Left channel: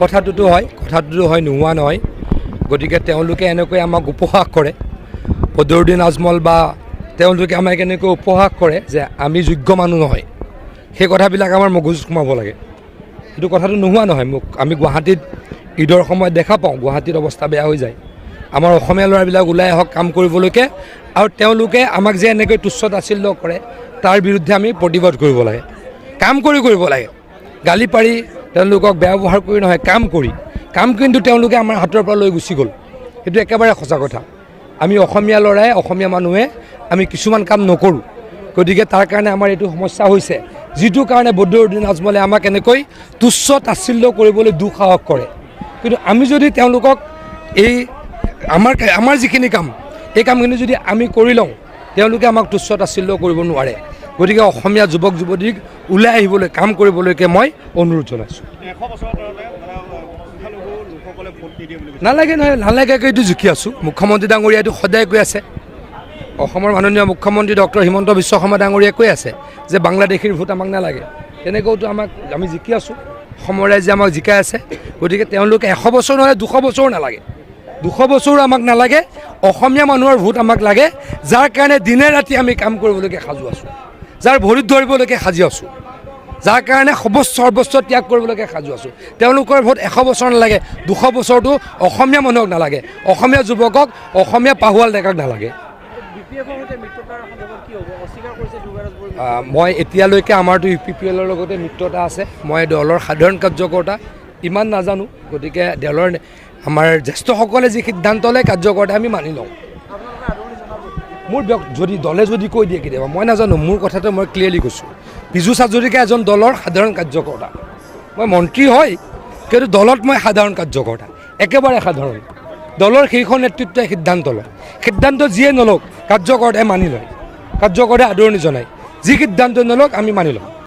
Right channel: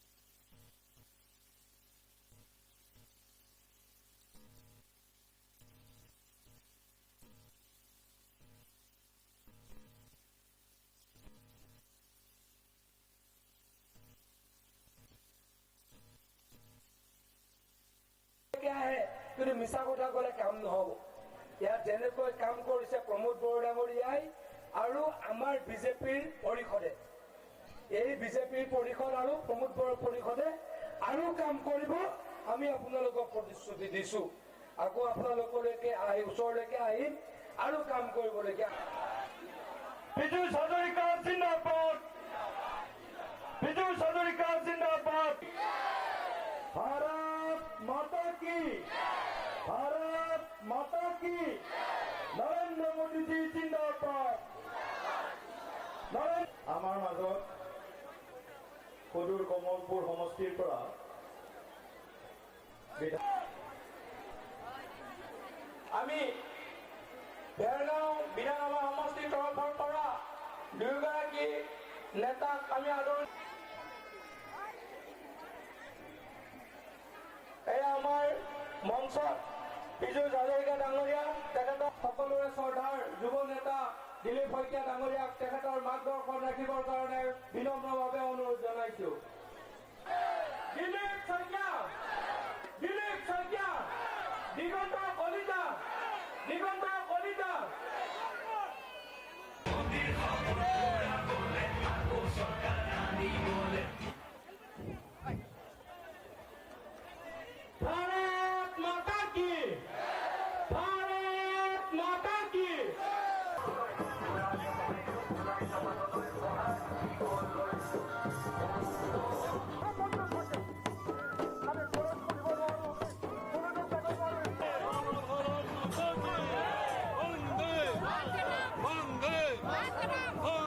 কথাটোতো হয় নোহোৱা নহয়। গতিকে তেওঁলোকে এনেকৈ আমাক উপহাস কৰে, বদৰুদ্দিন আজমল বা তেওঁলোকে আমাক এনেকৈ উপহাস কৰে যে আমি যোগ্য মানুহ নহয়। সেই কথাবিলাক আমাৰ মগজুত সোমাব লাগে। সেইটো কথাটো নোহোৱা নহয়। আমি গুৱাহাটীত ঈদৰ সময়ত দেখা পাওঁ গুৱাহাটীত অৱস্থা বেয়া হৈ যায়। আমাৰ অসমীয়া ল'ৰাবিলাক ওলাই আহক কাম কৰিবলৈকে, আৰু তেওঁলোকে আমাক যে এনেকৈ তুচ্ছ তাচ্ছিল্য কৰে তাৰ বিৰুদ্ধে আমি প্ৰতিবাদ কৰিব লাগে। কাম কৰিব লাগে, গালি পাৰি তেওঁলোকক বেয়া ব্যৱহাৰ কৰি নহয়, কাম কিন্তু তেওঁলোকে আমাৰ হাতৰ পৰা লৈ গুচি গ'ল। সেইটো একেবাৰে সঁচা কথা। আমি অসমীয়া ল'ৰাই, অসমীয়া মানুহে আমি কিছুমান কাম নকৰোঁ। গতিকে তাৰ কাৰণে আমাৰ এইটো সমস্যা হৈছে, যিটো কাৰণে বদৰুদ্দিন আজমলে আমাক এনেকৈ তুচ্ছ তাচ্ছিল্য কৰিবলৈ দুঃসাহস কৰে। কিন্তু আমি যদি তেওঁলোকক এই আমাৰ যিখিনি কাম, এই কামখিনি যদি আমি কৰি লওঁ, তেওঁলোকে আমাক তুচ্ছ তাচ্ছিল্য কৰিব নোৱাৰে। গতিকে অসমীয়া যুৱক যুৱতীক ওলাই আহিবলৈ, কাম কৰিবলৈকে মই অনুৰোধ জনাইছোঁ। নালাগে এইটো জুখি আছোঁ। মুখ্যমন্ত্ৰী ডাঙৰীয়াইটো সদায় কৈ আছে, অসমৰ মাননীয় মুখ্যমন্ত্ৰী ডক্টৰ হিমন্ত বিশ্ব শৰ্মা ডাঙৰীয়াই কৈ আছে যে বাংলাদেশীৰ ভোট আমাক নালাগে। তেনেকৈতো আমি জিকি আছোঁ, অসমৰ ৰাইজে আমাক জিকাই আছে। গতিকে তেওঁলোকে 100 বছৰ নহ'লে 200 বছৰো নালাগে, 200 বছৰো আমাক নালাগে। অসমীয়া মানুহৰ ভোট আমাক লাগে, যাৰ কাৰণে দিনে ৰাতি আমি কাম কৰিবলৈকে সাজু আছোঁ, যাৰ ভৰিত ধৰিবলৈকে সাজি আছোঁ, যাৰ কাৰণে সৰ্বস্ব ত্যাগ কৰিবলৈকে সাজু আছোঁ। তেওঁলোকৰ ভোট 100 বছৰ নালাগে, 200 বছৰটো অসমীয়া মানুহক নালাগে, অসমীয়া যুৱকক, অসমীয়া পাহুৱাল ডেকাক নালাগে। মই এতিয়ালৈকে আমাৰতো UPPLৰ লগতে মিত্ৰতা আছে। মই দলৰ সাধাৰণ কাৰ্যকৰ্তা, ইমান নাজানো। গতিকে দলৰ আমাৰ জ্যেষ্ঠসকলে যি সিদ্ধান্ত লয় কাৰ্যকৰ্তা আমি মানি লওঁ। মোৰ দলে যদি কৈ দিয়ে কেতিয়াবা, মই নাজানো। মোৰ কথাটো মই ক্লিয়াৰলি কৈছোঁ, বিজু হাজৰিকা এজন দলৰ সাধাৰণ কাৰ্যকৰ্তা। মই মন্ত্ৰী হয়, কিন্তু দলত মই সাধাৰণ কাৰ্যকৰ্তা, একেবাৰে সাধাৰণ। দলৰ শীৰ্ষ নেতৃত্বই সিদ্ধান্ত লয়, সিদ্ধান্ত যিয়ে নলওক কাৰ্যকৰ্তাই মানি লয়, কাৰ্যকৰ্তাই আদৰণি জনায়। যি সিদ্ধান্ত নলওক আমি মানি লওঁ।